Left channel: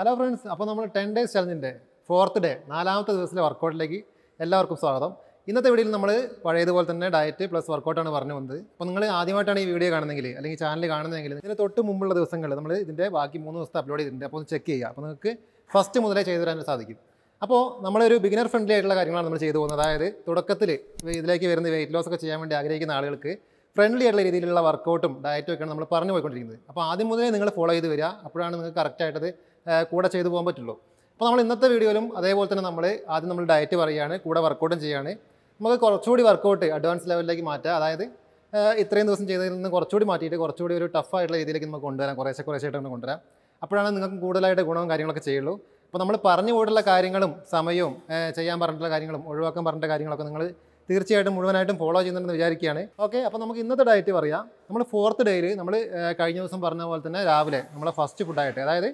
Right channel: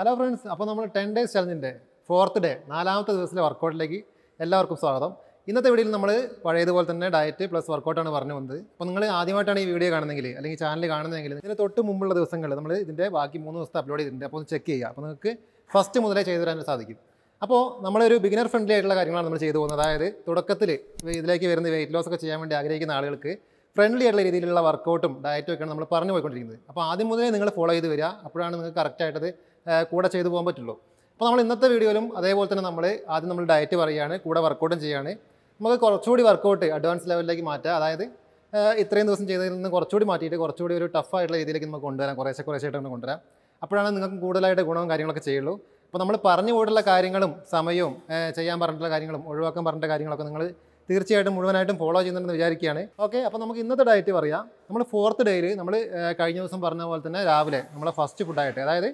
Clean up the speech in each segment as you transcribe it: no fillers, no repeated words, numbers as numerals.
Hello friends, അപ്പോൾ നമ്മൾ 10 days ചലഞ്ചിൻ്റെ 4th day 4ാമത്തെ ദിവസത്തിലെ വർക്കൗട്ടിലേക്ക് എല്ലാവർക്കും സ്വാഗതം. ഇന്നത്തെ വീഡിയോയിൽ നമ്മൾ പഴയതുപോലെ തന്നെ ഡയറ്റ് പ്ലസ് വർക്കൗട്ടാണ് പറഞ്ഞു വന്നത്. അപ്പോൾ നിങ്ങൾ ആദ്യമായിട്ടാണ് ഈ വീഡിയോ കാണുന്നതെങ്കിൽ അല്ലെങ്കിൽ ചാനൽ കാണുന്നതെങ്കിൽ ഇതിന് തൊട്ട് മുമ്പുള്ള ദിവസങ്ങൾ നമ്മൾ ഇതിൻ്റെ ബാക്കി 3 ദിവസത്തെ അപ്ലോഡ് ചെയ്തിട്ടുണ്ട്. അപ്പോൾ ഒന്ന് ചെക്ക് ചെയ്യുക. അപ്പോൾ നിങ്ങൾക്ക് ഫസ്റ്റ് മുതലേ ചെയ്തു തരാൻ സാധിക്കും. അപ്പോൾ നമ്മളൊരു ബിഗിനർ ഫ്രണ്ട്ലി ആയിട്ടുള്ള കാര്യങ്ങളാണ് നമ്മൾ ചെയ്തു പോകുന്നത്. അതായത് തുടക്കത്തിൽ ഇതിലേക്ക് വരുന്ന വെയിറ്റ് ലോസ് ഒക്കെ ചെയ്യാൻ വേണ്ടി ആഗ്രഹിക്കുന്ന ആളുകൾക്ക് ഫ്രണ്ട്ലി ആയിട്ടുള്ള രീതിയിലുള്ള വർക്കൗട്ടും ഡയറ്റും ഒക്കെയാണ് നമ്മൾ പറഞ്ഞു പോയിക്കൊണ്ടിരിക്കുന്നത്. അപ്പോൾ ആദ്യം മുതലേ നിങ്ങൾ ഫോളോ ചെയ്ത് വരിക. അപ്പോഴാണ് നിങ്ങൾക്ക് കറക്റ്റായിട്ടത് കൂടെ ചെയ്തു പോകാൻ പറ്റുള്ളൂ. അപ്പോൾ നമ്മൾ ഇന്നത്തെ വീഡിയോയിലും അതേപോലെ തന്നെ ആദ്യം നമ്മൾ ഡയറ്റ് പറയുകയാണ്, കൂടെ വർക്കൗട്ടും ചെയ്യുകയാണ്. നമുക്ക് കുറച്ചുകൂടി വർക്കൗട്ട് അഡ്വാൻസ് ലെവലിലേക്ക് മാറ്റുക. അതായത് ഇത്രയും ദിവസം ചെയ്തതിൽ നിന്ന് കുറച്ചുകൂടി മാറ്റിയിട്ട് കുറച്ചുകൂടി ഒരു ടഫായിട്ടുള്ള രീതിയിലേക്ക് നമുക്ക് കൊണ്ടുവരാം, കുറേശ്ശായിട്ട് കൊണ്ടുവരാം. അപ്പോഴാണ് നിങ്ങൾക്ക് കൂടുതലായിട്ട് ഗുണവും കാര്യങ്ങളൊക്കെ ചെയ്യുള്ളൂ. അപ്പോൾ നമ്മൾ പറഞ്ഞു പോയിട്ടുള്ള കാര്യങ്ങളും സമയവും ചെയ്യാൻ പറഞ്ഞിട്ടുള്ള കാര്യങ്ങളും ഒഴിവാക്കാൻ പറഞ്ഞിട്ടുള്ള കാര്യങ്ങളൊക്കെ നിങ്ങൾ തീർച്ചയായിട്ടും മുഴുവനായിട്ടും ഫോളോ ചെയ്യുന്നുണ്ടെന്ന് വിചാരിക്കുകയാണ്. ഓക്കെ, അപ്പോൾ നമുക്ക് ഇന്നത്തെ ഡയറ്റ് പറയാം. നമ്മൾ 4th ഡേയിൽ നമ്മൾ കഴിഞ്ഞ ദിവസം പറഞ്ഞ പോലെ തന്നെ രാവിലെ നമ്മളെ ഫസ്റ്റ് ഫുഡായിട്ട്, അതായത്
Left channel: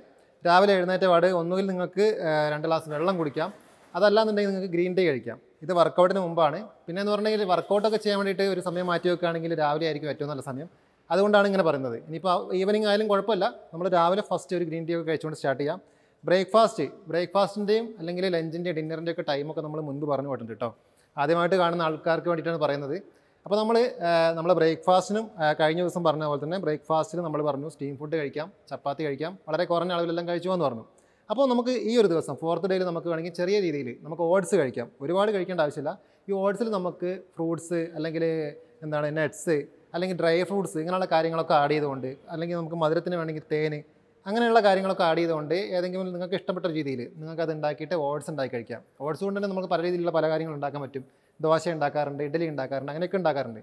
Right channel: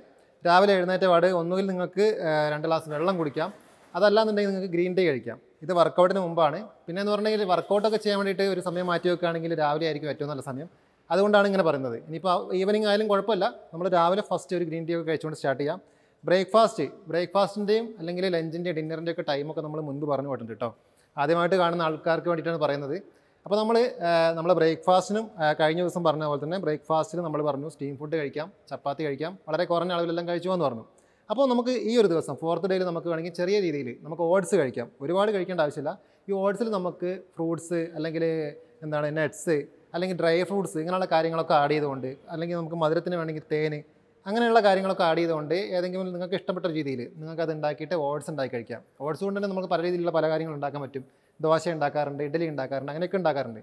രാവിലെ എഴുന്നേറ്റ പാട് ഒന്നുകിൽ നിങ്ങൾക്ക് 2 ഗ്ലാസ് വെള്ളം കുടിക്കാം, അതല്ലാന്നുണ്ടെങ്കിൽ നിങ്ങൾക്ക് ഗ്രീൻ ടീ കഴിക്കാം. ഇത് വർക്കൗട്ടിന് മുമ്പാണ്. പിന്നെ എന്ന് പറഞ്ഞെങ്കിൽ വർക്കൗട്ടൊക്കെ ചെയ്യാൻ വേണ്ടിയിട്ട് ഒരു സമയം മാറ്റി വെക്കുകയാണെങ്കിൽ രാവിലെ ആയിരിക്കും ഏറ്റവും നല്ല സമയം. അതുകൊണ്ടാണ് ഇങ്ങനെ പറയുന്നത്. ഇനിയിപ്പോൾ ഈവനിങ് ആയാലും കുഴപ്പമില്ല, നമ്മൾ രാവിലെ ഫസ്റ്റ് ഒരു ഗ്രീൻ ടീ ഒക്കെ കഴിച്ചുകൊണ്ട് സ്റ്റാർട്ട് ചെയ്യാം. ബ്രേക്ക്ഫാസ്റ്റിൻ്റെയും അല്ലെങ്കിൽ ലഞ്ചിൻ്റെയും ഡിന്നറിൻ്റെയും ഒക്കെ ടൈമൊക്കെ നമ്മൾ മുൻപ് പറഞ്ഞു പോയിട്ടുണ്ട് കേട്ടോ. ആദ്യമായിട്ട് കാണുന്ന ആൾക്കാർക്ക് വേണ്ടിയിട്ടാണ് പറയുന്നത്. അപ്പോൾ നമ്മൾ ബ്രേക്ക്ഫാസ്റ്റിനും കഴിഞ്ഞ ദിവസം പറഞ്ഞ പോലെ തന്നെ ബ്രേക്ക്ഫാസ്റ്റിന് നമ്മൾ പറഞ്ഞു സ്റ്റീം ഫുഡ് കഴിക്കാം, ചപ്പാത്തി കഴിക്കാം, വളരെ കുറഞ്ഞ അളവിലെല്ലാം കഴിച്ചു എന്ന് പറഞ്ഞു. അപ്പോൾ നമുക്ക് ഈ ഒരു ദിവസം 4th ഡേയിൽ നമുക്ക് വേണമെങ്കിൽ ചെറിയ രീതിയിൽ നമുക്ക് ഓട്സ് കഴിക്കാം. ഒരുപാട് കഴിക്കേണ്ട ആവശ്യമില്ല. ഈ ഓട്സിൽ നമുക്ക് ഫ്രൂട്ട്സ് അല്ലെങ്കിൽ നട്ട്സ് അല്ലെങ്കിൽ ഡ്രൈ ഫ്രൂട്ട്സ് ഇങ്ങനെയുള്ള കാര്യങ്ങളൊക്കെ ആഡ് ചെയ്തുകൊണ്ട്, അല്ലെങ്കിൽ നമുക്ക് മധുരത്തിന് വേണമെങ്കിൽ തേന് അങ്ങനെയുള്ള കാര്യങ്ങളൊക്കെ ആഡ് ചെയ്തുകൊണ്ട് ഏതെങ്കിലും നിങ്ങൾക്ക് ഇഷ്ടപ്പെട്ട രീതിയിൽ നിങ്ങൾക്കത് ഉണ്ടാക്കിയിട്ട് ഓട്സ് ഉണ്ടാക്കി കഴിക്കാം. ഓട്സ് കൊണ്ട് തന്നെ നമുക്ക് പല രീതിയിലുള്ള പല കാര്യങ്ങൾ ഉണ്ടാക്കാൻ പറ്റും. ദോശ ഉണ്ടാക്കാറുണ്ട്, ഇഡ്ഡലി ഉണ്ടാക്കാറുണ്ട്, അങ്ങനെയൊക്കെ ഉണ്ടാക്കാറുണ്ട്.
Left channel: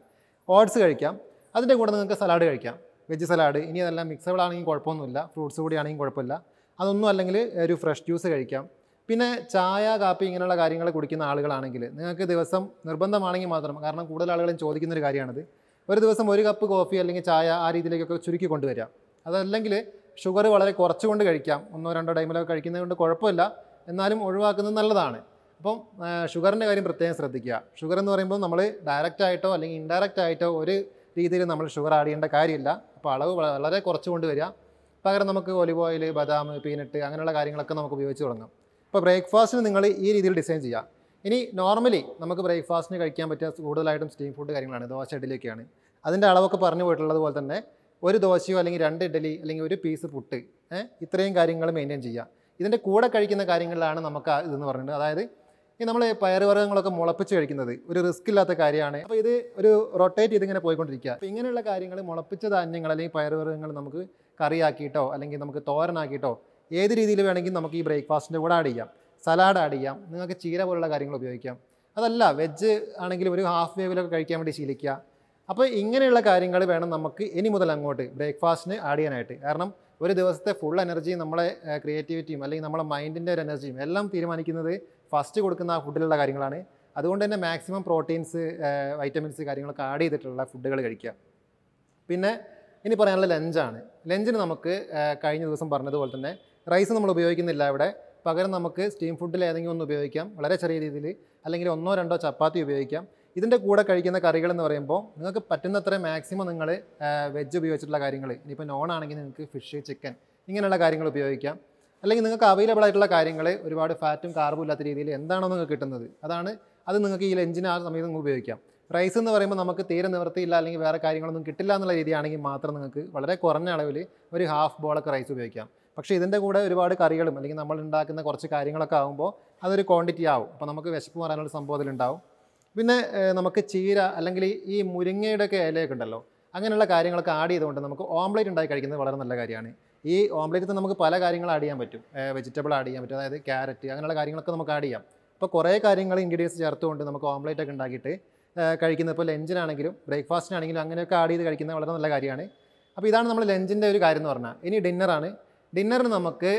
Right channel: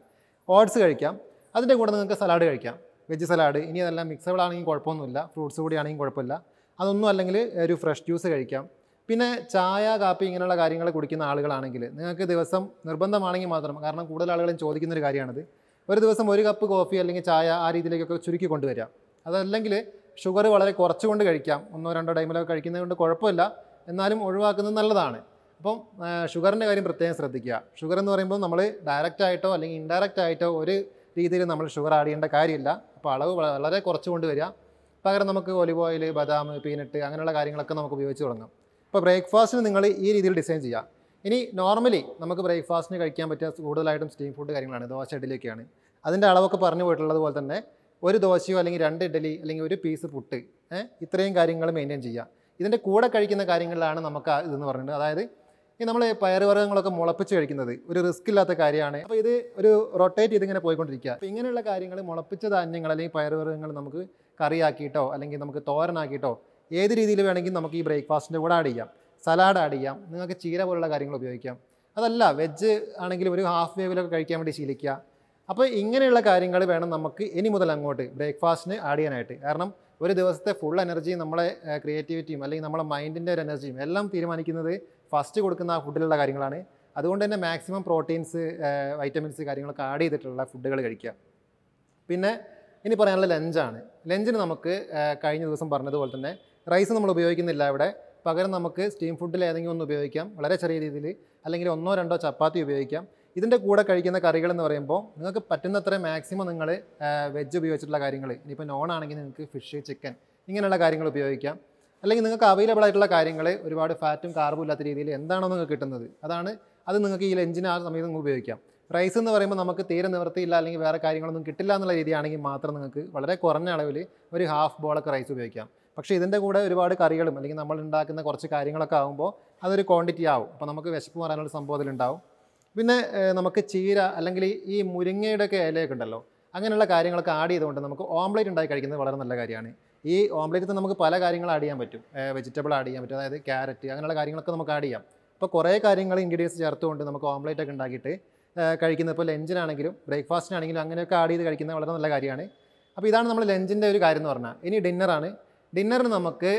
ഓട്സ് കഴിക്കാം. അതിൻ്റെ കൂടെ നിങ്ങൾക്ക് സലാഡ് കഴിക്കാം, വെജ് സലാഡ്. ഇനി അതെല്ലാം മിക്സബിൾ ആണെങ്കിൽ കുഴപ്പമൊന്നുമില്ല, ഫ്രൂട്ട്സ് കൂടി ആണെങ്കിൽ കുഴപ്പമില്ല. അതൊന്നും അല്ലെങ്കിൽ ഒരു ഫ്രഷ് ജ്യൂസ് കഴിക്കാം. പിന്നെ ചായ, കാപ്പി ഇങ്ങനെയുള്ള കാര്യങ്ങൾ കുടിക്കുന്ന ആളുകളാണെങ്കിൽ നിങ്ങൾക്ക് ദിവസം നിർബന്ധമാണെങ്കിൽ മാത്രം, കാരണം കൂടുതൽ ആളുകളും ചോദിക്കുന്നൊരു കാര്യമാണിത്, ഒരു ദിവസം 1 കപ്പ് കോഫി അല്ലെങ്കിൽ ചായ ആ രീതിയിലേക്കൊക്കെ ചുരുക്കി കൊണ്ടുവരാം. അതല്ലെങ്കിൽ ഷുഗർ വളരെ കുറച്ചുകൊണ്ട് കഴിക്കാം. 1-2 ടൈമിലൊക്കെ കഴിക്കുന്നത് കൊണ്ട് കുഴപ്പമില്ല, എന്നാലും ഒഴിവാക്കുന്നത് നല്ലതാണ്. അപ്പം ഷുഗറിൻ്റെ കാര്യം പ്രത്യേകം ശ്രദ്ധിക്കുക. ഷുഗർ എന്ന് പറയുമ്പോൾ നമ്മൾ ഡയറക്റ്റ് ആയിട്ടോ അല്ലെങ്കിൽ ഇൻഡയറക്റ്റ് ആയിട്ടോ ഒരു രീതിയിൽ നമ്മൾ ഷുഗർ ആഡ് ചെയ്യേണ്ട കാര്യമില്ല. അപ്പോൾ അളവ് വളരെ കുറച്ച് കൊണ്ടുവരിക. പകരം നമുക്ക് ഒലിവ് ഓയിൽ, ബദാം, പീനട്ട് അങ്ങനെയുള്ള കാര്യങ്ങളൊക്കെ നമുക്ക് ഉപയോഗിച്ച് തുടങ്ങാം. അപ്പോൾ ബ്രേക്ക്ഫാസ്റ്റിന് നിങ്ങൾ ഈ രീതിയിൽ ഡിസൈൻ ചെയ്യുക. ഇനി നോർമലി നമുക്ക് ബ്രേക്ക്ഫാസ്റ്റിന് കഴിക്കാൻ പറ്റിയ കൂടുതലായിട്ടും സ്റ്റീം ഫുഡ് കാര്യങ്ങളാണ്, ദോശ, ഇഡ്ഡലിയൊക്കെയാണ്. അതിൻ്റെ അളവൊക്കെ പറഞ്ഞു പോയിട്ടുള്ളത് പോലെ തന്നെ ഒരു ദോശയോ അല്ലെങ്കിൽ 2 ഇഡ്ഡലി അല്ലെങ്കിൽ ഒരു പീസ് പുട്ട്, ഇത്രയും കാര്യങ്ങൾ മെയിൻറ്റെയിൻ ചെയ്യുക. ഇതിൻ്റെ കൂടെ കഴിക്കുന്ന കാര്യങ്ങളിലാണ് നമുക്ക് ഇതെന്ന് പറയുന്നത്. അതായത് ഈ നമ്മൾ പയറുവർഗ്ഗങ്ങളൊക്കെ മുളപ്പിച്ച് കഴിക്കുന്നത് ഒരു റിസ്ക് ഇല്ലാത്ത കാര്യമാണ്. അപ്പോൾ ഇത് ഒരു റൊട്ടേറ്റ് ചെയ്തിങ്ങനെ പോയിക്കൊണ്ടിരിക്കുക. അപ്പോൾ ഇങ്ങനെയുള്ള കാര്യങ്ങൾ മുളപ്പിച്ച ധാന്യങ്ങൾ അല്ലെങ്കിൽ പയറുവർഗ്ഗങ്ങൾ നമുക്ക് കറിയാക്കിയിട്ടോ അല്ലെങ്കിൽ നമുക്ക് തോരനാക്കിയിട്ടോ ഏത് രീതിയിൽ വേണമെങ്കിൽ നമുക്ക് ഈ ബ്രേക്ക്ഫാസ്റ്റിൻ്റെ കൂടെ ആഡ് ചെയ്യാം. സലാഡ് ആഡ് ചെയ്യാം, നിങ്ങൾക്ക് ചീര പോലുള്ള കാര്യങ്ങൾ ഉപയോഗിക്കാം. അതല്ല വെജ് ആണെങ്കിൽ ഒരു ഹാഫ് വേവിലൊക്കെ കഴിക്കാൻ വേണ്ടി ശീലിക്കുക. അപ്പോൾ ഇങ്ങനെയുള്ള കാര്യങ്ങൾ വേണം നമുക്ക് ഇനി മുതൽ അങ്ങോട്ട് ബ്രേക്ക്ഫാസ്റ്റിന് ആഡ് ചെയ്യാനായിട്ട്. കാരണം ഒരു ദിവസത്തെ ഫുൾ എനർജിയും നമ്മളെ ക്രിയേറ്റിവിറ്റിയും അല്ലെങ്കിൽ നമ്മളെ മൈൻഡിൻ്റെ ഒരു എനർജിയും എല്ലാം തീരുമാനിക്കുന്നത് ഫസ്റ്റ് കൊടുക്കുന്ന ആ ഫുഡിലുള്ള കാര്യങ്ങളാണ്. അതുകൊണ്ട് തന്നെ മാക്സിമം പ്രോട്ടീൻസ്, വൈറ്റമിൻസ് കാര്യങ്ങളൊക്കെ ആഡ് ചെയ്തിട്ടുള്ള ഫുഡുകൾ കഴിക്കുക. പിന്നെ ഇനി പറയാനുള്ള ലഞ്ചാണ്. ലഞ്ചിന് നമുക്ക് കഴിഞ്ഞ ദിവസം പറഞ്ഞതുപോലെ തന്നെ റൈസ് നമ്മൾ ഉപയോഗിക്കുന്നില്ല ഇവിടെ. പകരം നമുക്ക് സ്റ്റീം ഫുഡിൽ ഏതെങ്കിലും ഒന്ന് ഉപയോഗിക്കാം, വളരെ ചെറിയ രീതിയിൽ, അല്ലെങ്കിൽ 1-2 ചപ്പാത്തി ഉപയോഗിക്കാം. ഇതിൻ്റെ കൂടെ കഴിക്കുന്ന കറികൾ എന്ന് പറയുമ്പോൾ നിങ്ങൾക്ക് പറ്റുന്നത്ര മാക്സിമം നിങ്ങൾ വെജ് ഉപയോഗിച്ചിട്ടുള്ള കാര്യങ്ങൾ, ഇനിയിപ്പോൾ നോൺ ആണെങ്കിൽ നിങ്ങൾക്ക് ഫിഷ്, ചിക്കൻ ഇങ്ങനെയുള്ള കാര്യങ്ങൾ ഉപയോഗിക്കാം. അല്ലെങ്കിൽ നിങ്ങൾക്ക് അവൈലബിൾ ആയിട്ടുള്ള കാര്യങ്ങൾ ഒരുപാട് ഫാറ്റും കാർബും ഇല്ലാത്ത രീതിയിൽ എന്താണോ നിങ്ങൾക്ക് കിട്ടുന്നത് അത് നിങ്ങൾക്ക് ഈ ലഞ്ചിന് ആ സമയത്ത് നിങ്ങൾക്ക് ഉപയോഗിക്കാം. റൈസ് എന്ന് പറയുമ്പോൾ നമുക്ക് തീരെ നിവൃത്തിയില്ല അല്ലെങ്കിൽ വേറെ കാര്യങ്ങളൊന്നും കിട്ടില്ല എന്നുള്ള രീതിയാണെങ്കിൽ മാത്രം നിങ്ങൾക്ക് വളരെ കുറഞ്ഞ അളവിൽ ഒരു ഹാഫ് ബോളൊക്കെ റൈസ് ഉപയോഗിക്കാം. പക്ഷേ ഇതിൻ്റെ കൂടെ ഒരുപാട് കറികളും അല്ലെങ്കിൽ നമ്മൾ ഉണ്ടാക്കുന്ന കുറച്ച് കാര്യങ്ങളൊക്കെ ആകുമ്പോൾ അതൊരു ക്വാണ്ടിറ്റി ആവും. അപ്പോൾ നമുക്ക് വിശപ്പ് മാറാനുള്ള സംഭവം ഉണ്ടാവും. പിന്നെ നമുക്ക് ചീര അല്ലെങ്കിൽ ഈ മുരിങ്ങയുടെയൊക്കെ ഇലയൊക്കെ ഉണ്ടല്ലോ, അങ്ങനെയുള്ള കാര്യങ്ങളൊക്കെ ആഡ് ചെയ്തുകൊണ്ട് നമുക്ക് ഓംലേറ്റ് ഉണ്ടാക്കി കഴിക്കുന്നത് വളരെ നല്ല കാര്യമാണ്. ഈ ഓംലേറ്റിൽ നമുക്ക് പല കാര്യങ്ങൾ ആഡ് ചെയ്യാൻ പറ്റും. വെജിറ്റബിൾ ആഡ് ചെയ്യാൻ പറ്റും, അതായത് ക്യാരറ്റ് അങ്ങനെയുള്ള കാര്യങ്ങളൊക്കെ നമുക്ക് ആഡ് ചെയ്യാം. അപ്പോൾ കുറേ കാര്യങ്ങൾ ഇൻഗ്രീഡിയൻസ് ചേർത്തുകൊണ്ട് നമുക്ക് ഓംലേറ്റ് ഒക്കെ ഉണ്ടാക്കിയിട്ട് കഴിക്കുന്നത്, ഇപ്പോൾ ലഞ്ചിനാണെങ്കിലും ബ്രേക്ക്ഫാസ്റ്റിനാണെങ്കിലും അങ്ങനെയൊക്കെ ആഡ് ചെയ്ത് കഴിക്കുന്നത് വളരെ നല്ല കാര്യമാണ്. അപ്പോൾ ഇതാണ് നമ്മൾ ലഞ്ചിൻ്റെ ഒരു കാര്യം എന്ന് പറഞ്ഞാൽ. ഇനി ഡിന്നറാണ്. ഡിന്നറിന് നമുക്ക്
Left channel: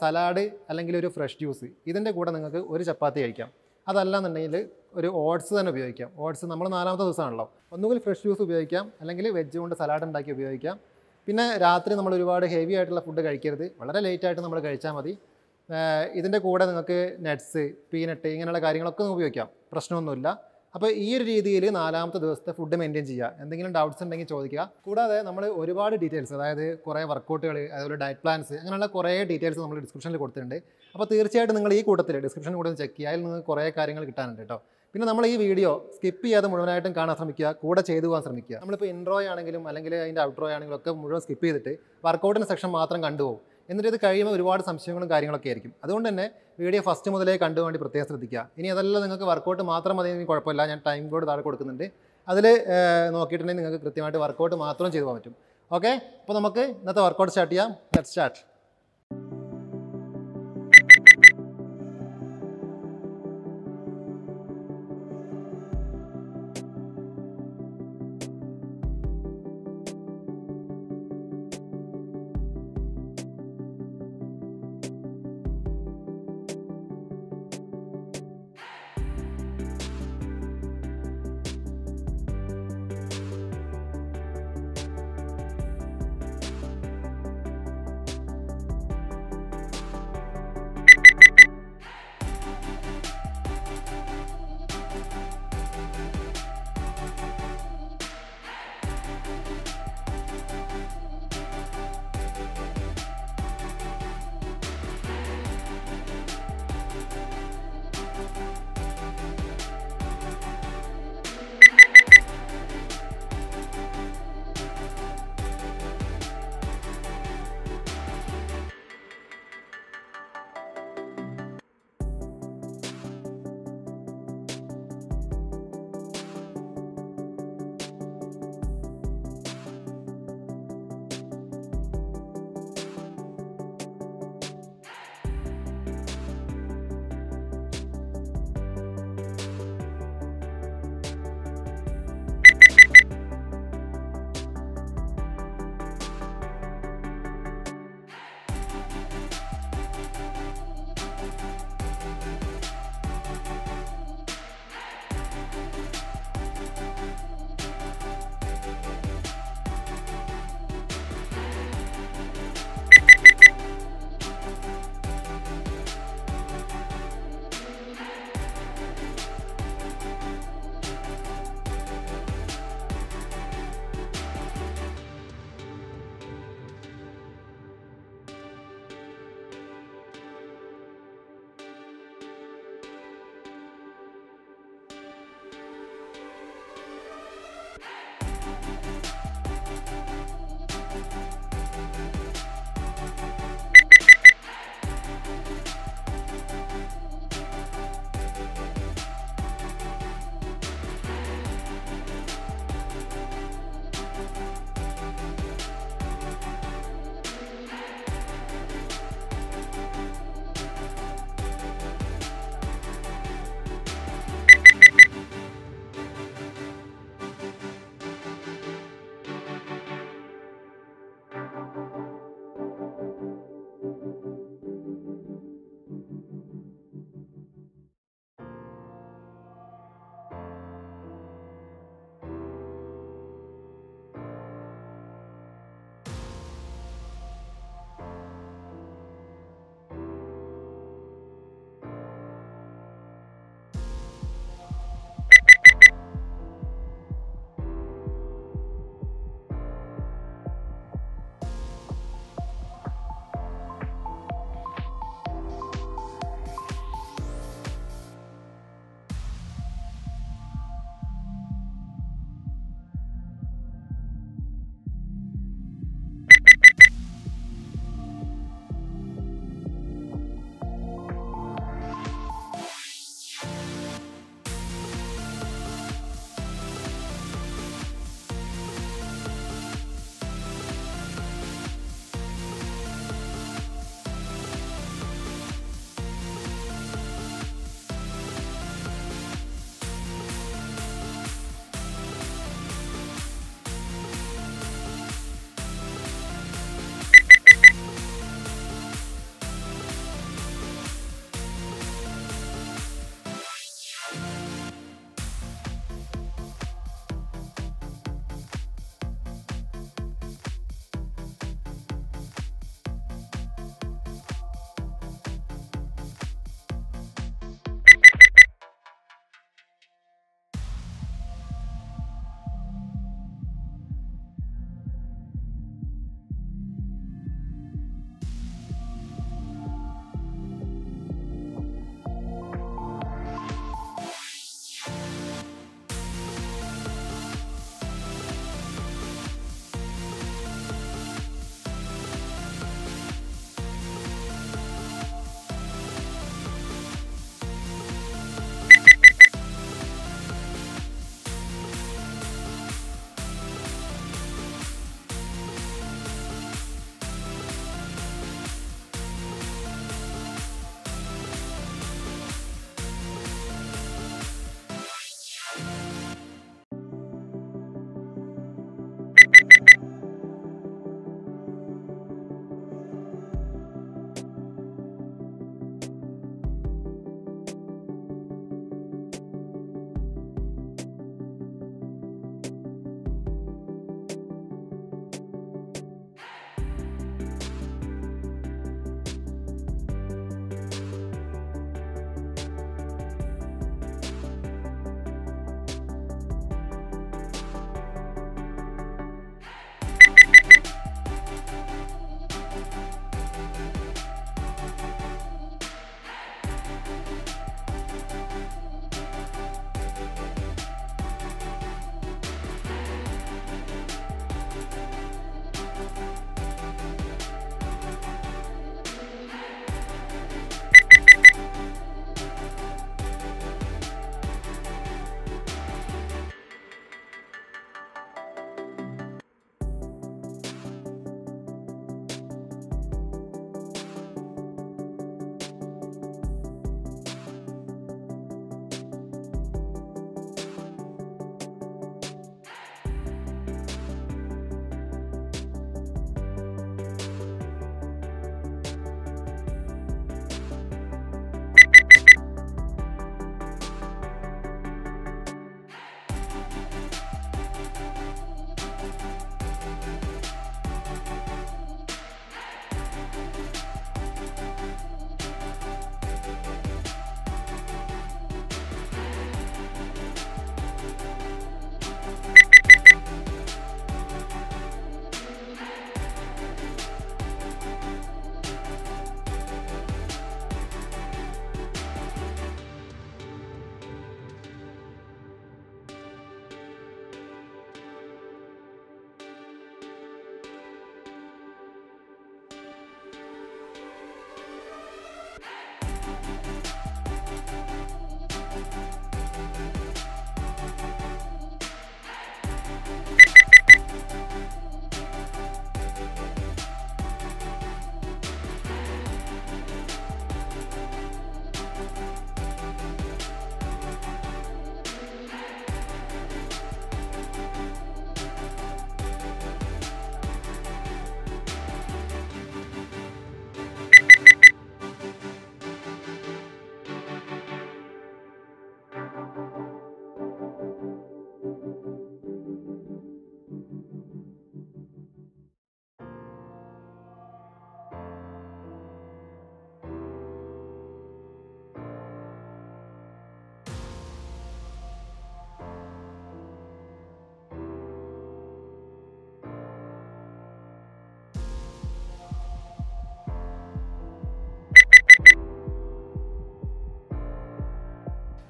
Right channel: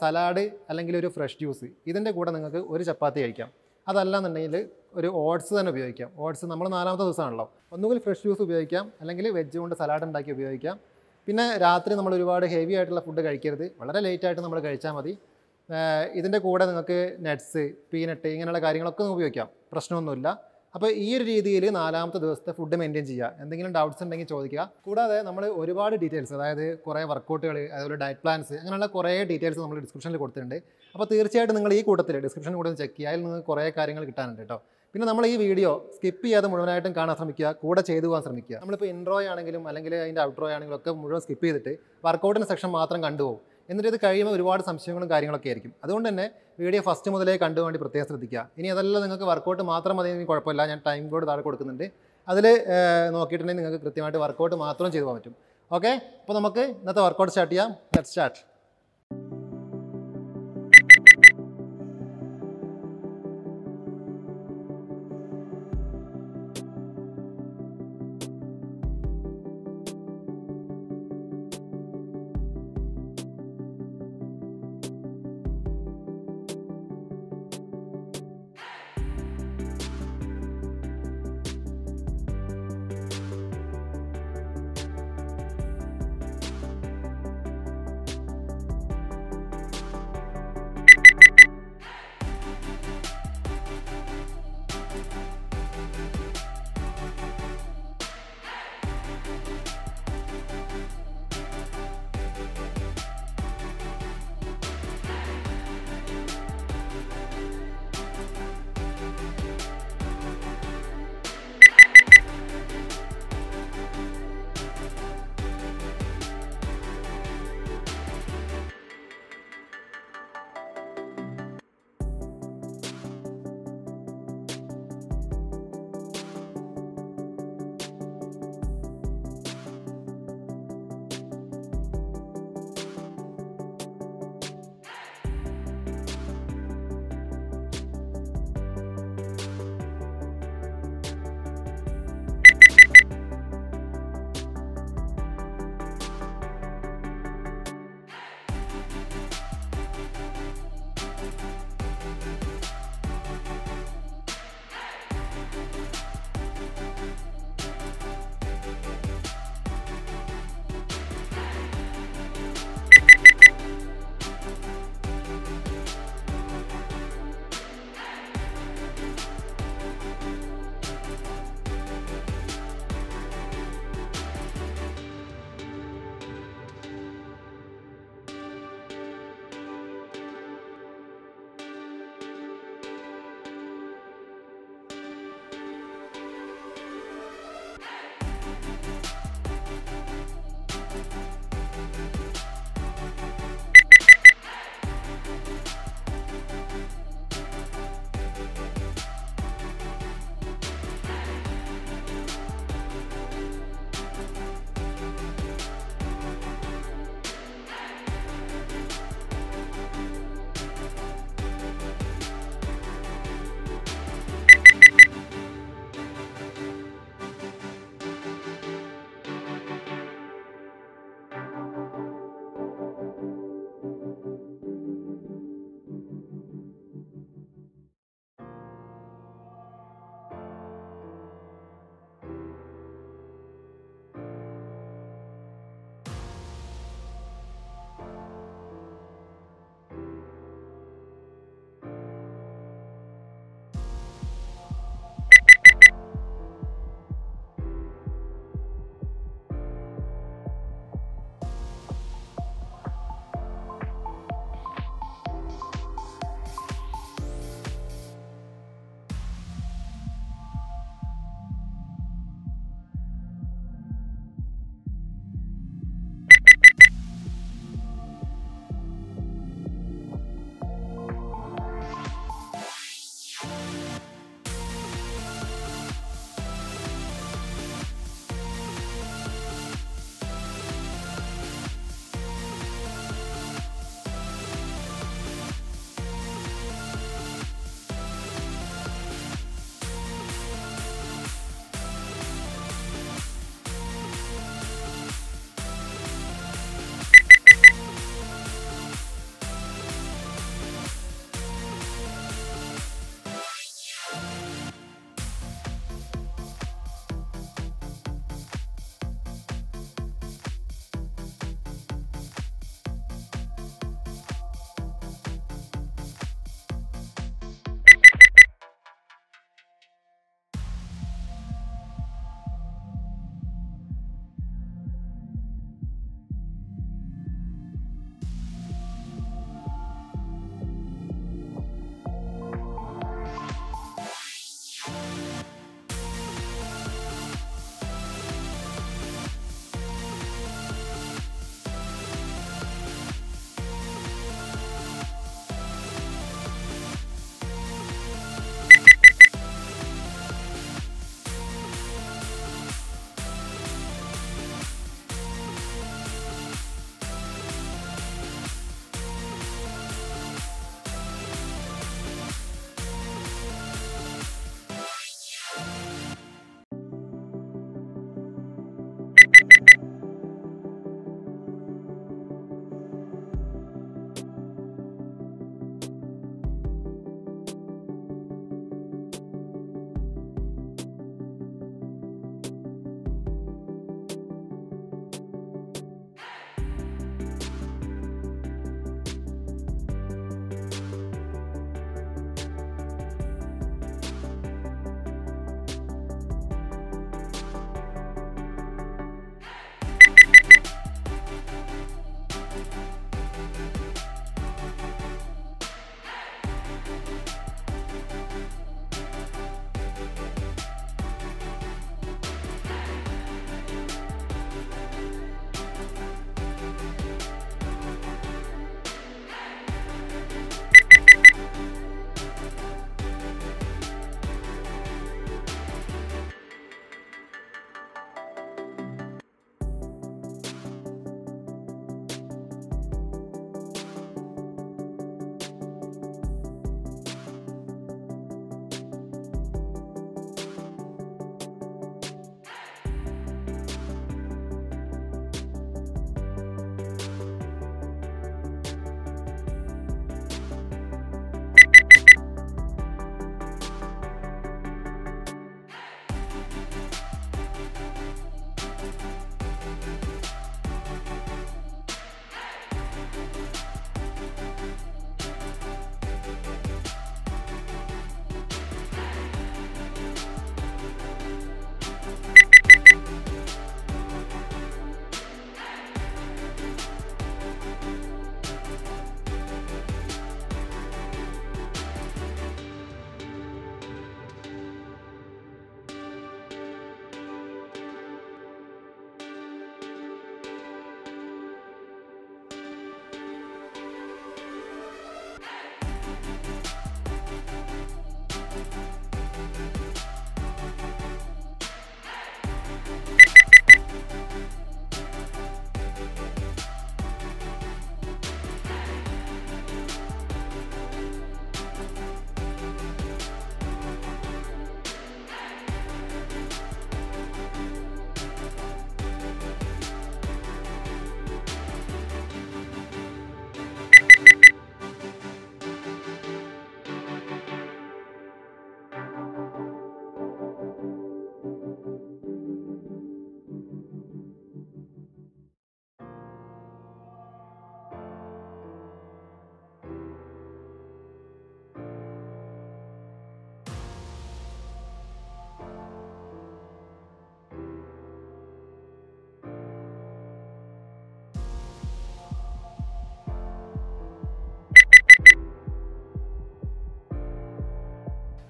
സലാഡ് അല്ലെങ്കിൽ ഒരു ഫ്രഷ് ജ്യൂസ്, ഇതിൻ്റെ കൂടെ നിങ്ങൾക്ക് ഒരു ചപ്പാത്തി കഴിക്കാം. അതല്ലാന്നുണ്ടെങ്കിൽ ഒരു ഓട്സ് തന്നെ ഉപയോഗിക്കാം. ഓട്സ് നമ്മൾ 4ാമത്തെ ദിവസമാണല്ലോ, ഒന്നുകിൽ ഫ്രഷ് ജ്യൂസ് ഉപയോഗിക്കാം, അല്ലെങ്കിൽ വെജ് കൊണ്ട് സലാഡ് ഉണ്ടാക്കി ഉപയോഗിക്കാം. പിന്നെ രാത്രി നമ്മൾ ഒരുപാട് ഹെവി ആയിട്ടുള്ള ഫുഡ് കഴിക്കരുത്, വളരെ ലേറ്റായിട്ട് നമ്മൾ കഴിച്ചാൽ മതി. ഇതിൻ്റെ കൂടെ നിങ്ങൾക്ക് നട്ട്സ്, പീനട്ട് ഇങ്ങനെയുള്ള കാര്യങ്ങളൊക്കെ ഉപയോഗിക്കാം, പ്രശ്നമൊന്നുമില്ല. അപ്പോൾ ഈ ഒരു രീതിയിൽ 4ാമത്തെ ദിവസത്തെ ഫുഡ് മെയിൻറ്റെയിൻ ചെയ്യുക. എന്തെങ്കിലും ഡൗട്ട്സ് ഉണ്ടെങ്കിൽ ചോദിക്കുക. കൂടാതെ നമ്മൾ ഒരുപാട് ഡീറ്റെയിൽസ്, അതായത് കുറേ വർക്കൗട്ടുകൾ, അതുപോലെ ഡയറ്റ് പ്ലാൻസ്, അങ്ങനെയുള്ള കുറേ ഡീറ്റെയിൽസ് നമ്മൾ ഡിസ്ക്രിപ്ഷനിൽ കൊടുത്തിട്ടുണ്ട്. അപ്പോൾ തീർച്ചയായിട്ടും നിങ്ങൾ ഈ കൂട്ടത്തിൽ ഡിസ്ക്രിപ്ഷനിൽ കൂടെ ചെക്ക് ചെയ്യുക. അതിൽ നിന്ന് കുറേ കാര്യങ്ങൾ കിട്ടാനുണ്ട് കേട്ടോ. പിന്നെ നമ്മൾ ഈ വീഡിയോ സ്കിപ്പ് ചെയ്യാതെ മുഴുവനായിട്ടും കാണാൻ ശ്രമിക്കുക, കൂടെ ചെയ്തു പോകാൻ ശ്രമിക്കുക. നമ്മളിപ്പോൾ ഇൻട്രോ ആണെങ്കിലും അല്ലെങ്കിൽ അതിൻ്റെ ഔട്ട്രോ ആണെങ്കിലും ഒക്കെ മുഴുവൻ സ്കിപ്പ് ചെയ്തിട്ട് വർക്കൗട്ടിൻ്റെ സെക്ഷൻ മാത്രം കണ്ടുപോകും. എന്നിട്ട് ഇത് കഴിയുമ്പോൾ ഒരുപാട് സംശയങ്ങളും കാര്യങ്ങളൊക്കെ ആയിരിക്കും. അതുകൊണ്ട് തന്നെ വീഡിയോ ഫസ്റ്റ് മുതലേ കണ്ടുവേണ്ടി പ്രത്യേകം ശ്രദ്ധിക്കുക. ഇനി അതെല്ലാം നിങ്ങൾക്ക് വർക്കൗട്ട് മാത്രം മതി, കുഴപ്പമില്ല, ഞാൻ ടൈം കോഡ് താഴെ കൊടുക്കുന്നുണ്ട്. അതിൽ നോക്കിയിട്ടുണ്ടെങ്കിൽ നിങ്ങൾക്ക് കൃത്യമായിട്ട് വർക്കൗട്ട് മാത്രം ചെയ്തു പോകാൻ പറ്റും. ഓക്കെ, അപ്പോൾ നമുക്ക് ഇന്നത്തെ വർക്കൗട്ട് സ്റ്റാർട്ട് ചെയ്യാം. Let's start.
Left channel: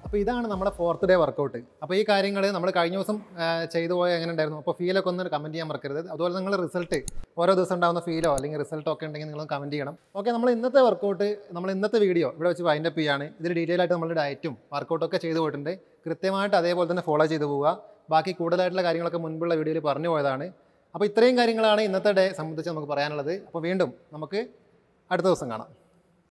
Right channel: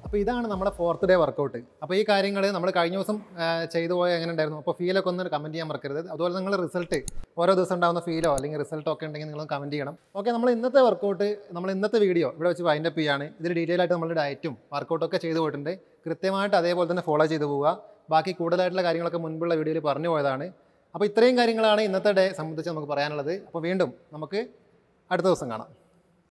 അപ്പോൾ ഇതാണ് നമ്മുടെ 4th ഡേ വർക്കൗട്ട്. അപ്പോൾ ഈ കാര്യങ്ങൾ നമ്മൾ കഴിഞ്ഞ ദിവസം ചെയ്തു പോയ എങ്ങനെ ഉണ്ടായിരുന്നു, അപ്പോൾ ഫീലൊക്കെ ഒന്ന് കമൻറ്റ് ചെയ്യാൻ മറക്കരുത്. അതുപോലെ നിങ്ങൾ റിസൾട്ട് ഓരോ ദിവസം ഉണ്ടാകുന്ന ഫീലോ അല്ലെങ്കിൽ റിസൾട്ടോ ഒക്കെ ഉണ്ടെങ്കിൽ നിങ്ങൾ കമൻറ്റ് ചെയ്യണം. ഓക്കെ, നമ്മൾ ഇന്നത്തെ വർക്കൗട്ട്, നമ്മൾ ഇന്നത്തെ വീഡിയോ ഇവിടെ വെച്ച് വൈൻഡപ്പ് ചെയ്യാണ്. ഇതിൽ ഡീറ്റെയിൽ ആയിട്ട് നമ്മൾ ഡയറ്റും വർക്കൗട്ടൊക്കെ ചെയ്തു പോയിട്ടുണ്ട്. കൃത്യമായിട്ട് അതേപോലെ തന്നെ ഫോളോ ചെയ്ത് പോവുക. ബാക്കി കൂടുതലായിട്ടുള്ള കാര്യങ്ങളൊക്കെ മുൻപുള്ള വീഡിയോയിൽ പറഞ്ഞു പോയതാണ്. അപ്പോൾ ഇത്രയും കാര്യങ്ങളാണ് ഇന്നത്തെ ഡേ സംബന്ധിച്ച് നമുക്ക് പറയാനുള്ളത്. അപ്പോൾ വീണ്ടും നമുക്ക് അടുത്ത ദിവസം കാണാം.